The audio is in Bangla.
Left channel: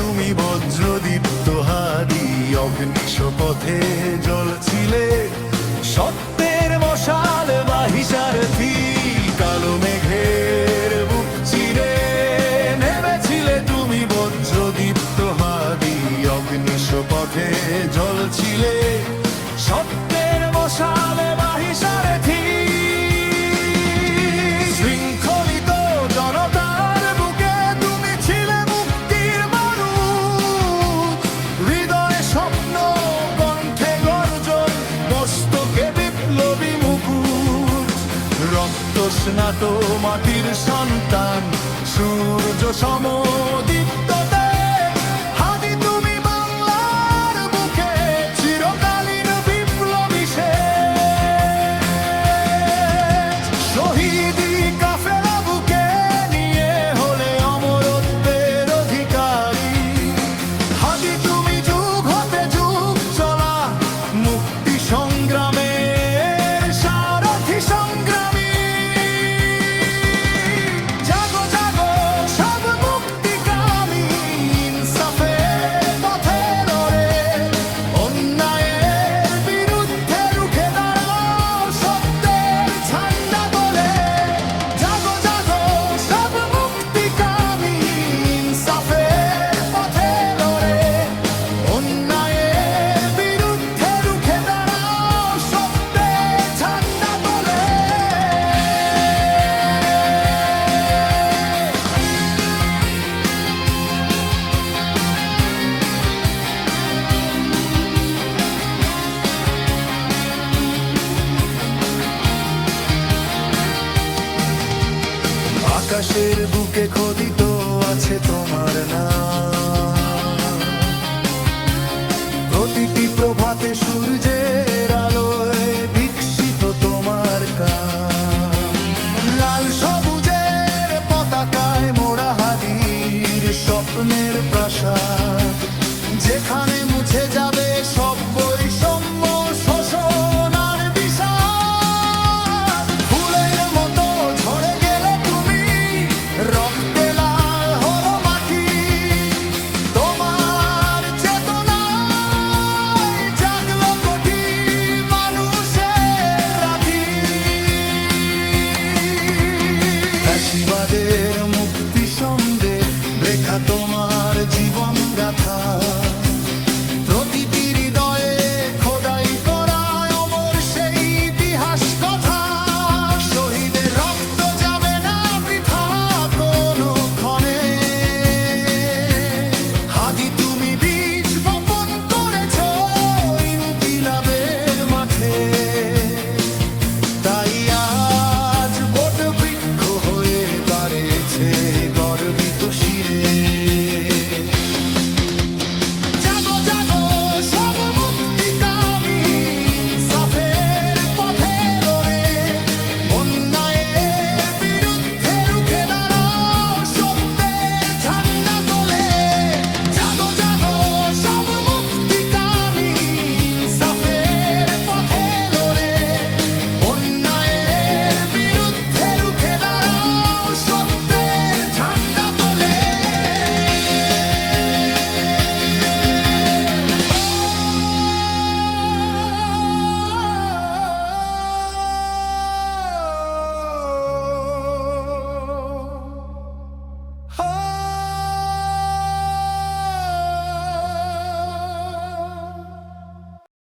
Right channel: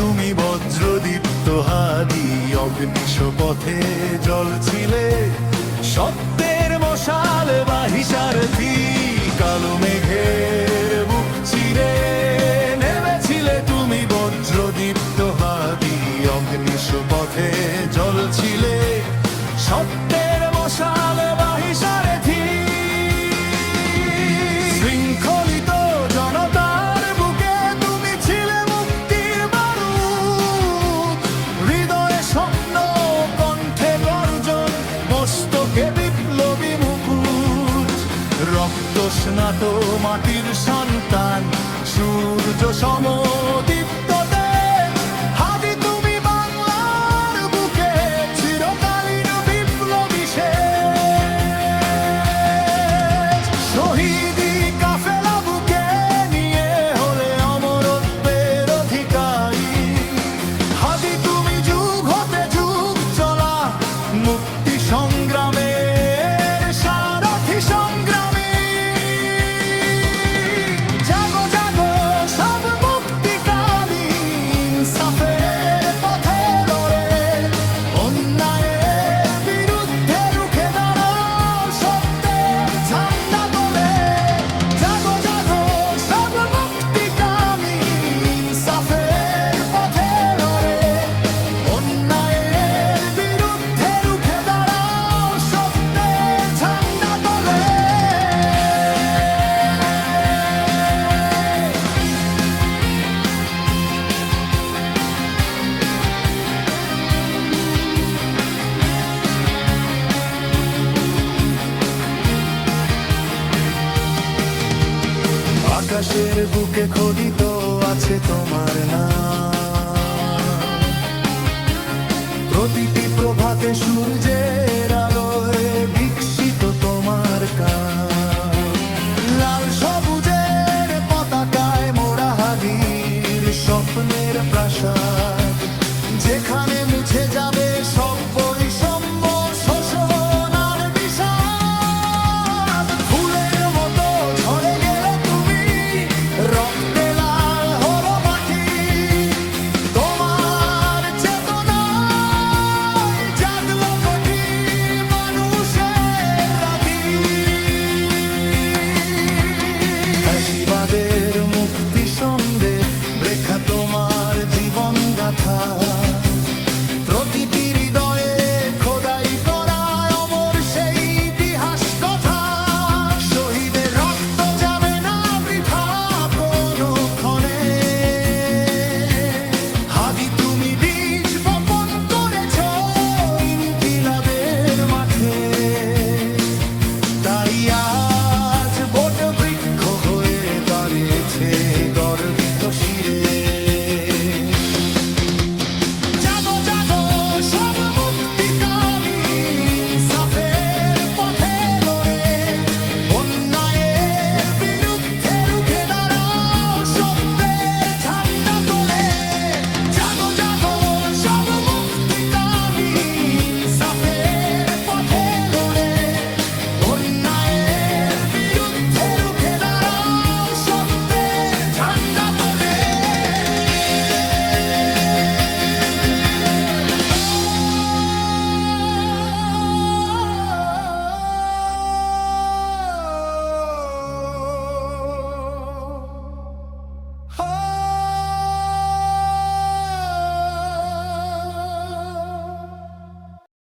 তুমি বজ্রদীপ্ত হাদি, অগ্নিশ পথে জ্বলছিলে সত্যের মশাল বাহি সারথি। কালো মেঘের বুক চিরে নেমেছিলে তুমি বজ্রদীপ্ত হাদি, অগ্নিশ পথে জ্বলছিলে সত্যের মশাল বাহি সারথি। শৃঙ্খলিত জনতার বুকে তুমি ছিলে মুক্তির বারুদ, হৃদয়ে স্বপ্ন কণ্ঠে গর্জন, মস্তকে বিপ্লবী মুকুট। রক্ত স্নাত মাটির সন্তান, সূর্য সমদীপ্ত তেজ, হাদি তুমি বাংলার বুকে চিরকালীন বিপ্লবী শেষ। শহীদি কাফেলা বুকে নিয়ে হলে অমরত্বের অধিকারী, হাদি তুমি যুগ হতে যুগ চলা মুক্তি সংগ্রামের সারথি সংগ্রামী। জাগো জাগো সব মুক্তিকামী, ইনসাফের পথে লড়ে অন্যায়ের বিরুদ্ধে রুখে দাঁড়াও সত্যের ঝান্ডা তোলে। জাগো জাগো সব মুক্তিকামী, ইনসাফের পথে লড়ে অন্যায়ের বিরুদ্ধে রুখে দাঁড়াও সত্যের ঝান্ডা তোলে। আকাশের বুকে খোদিত আছে তোমার নাম, প্রতিটি প্রভাতে সূর্যের আলোয় বিকশিত তোমার কাম। লাল সবুজের পতাকায় মোড়া হাদির স্বপ্নের প্রাসাদ, যেখানে মুছে যাবে সব বৈষম্য শোষণ আর বিষাদ। ফুলের মতো ঝরে গেলে তুমি, রক্তে লাল হলো মাটি, তোমার চেতনায় জাগলো কোটি মানুষের রাতি। ফ্যাসিবাদের মুক্তি সন্দেহ রেখা তোমার জীবন গাথা, প্রতিটি হৃদয়ে খোদাই করা অমর সেই ইতিহাস কথা। শহীদের রক্ত যাবে না বৃথা কোনো ক্ষণে, হাদি তুমি বীজ বপন করেছ ইনকিলাবের মাঠে। তাই আজ বট বৃক্ষ হয়ে দাঁড়িয়েছে গর্বিত শিরে।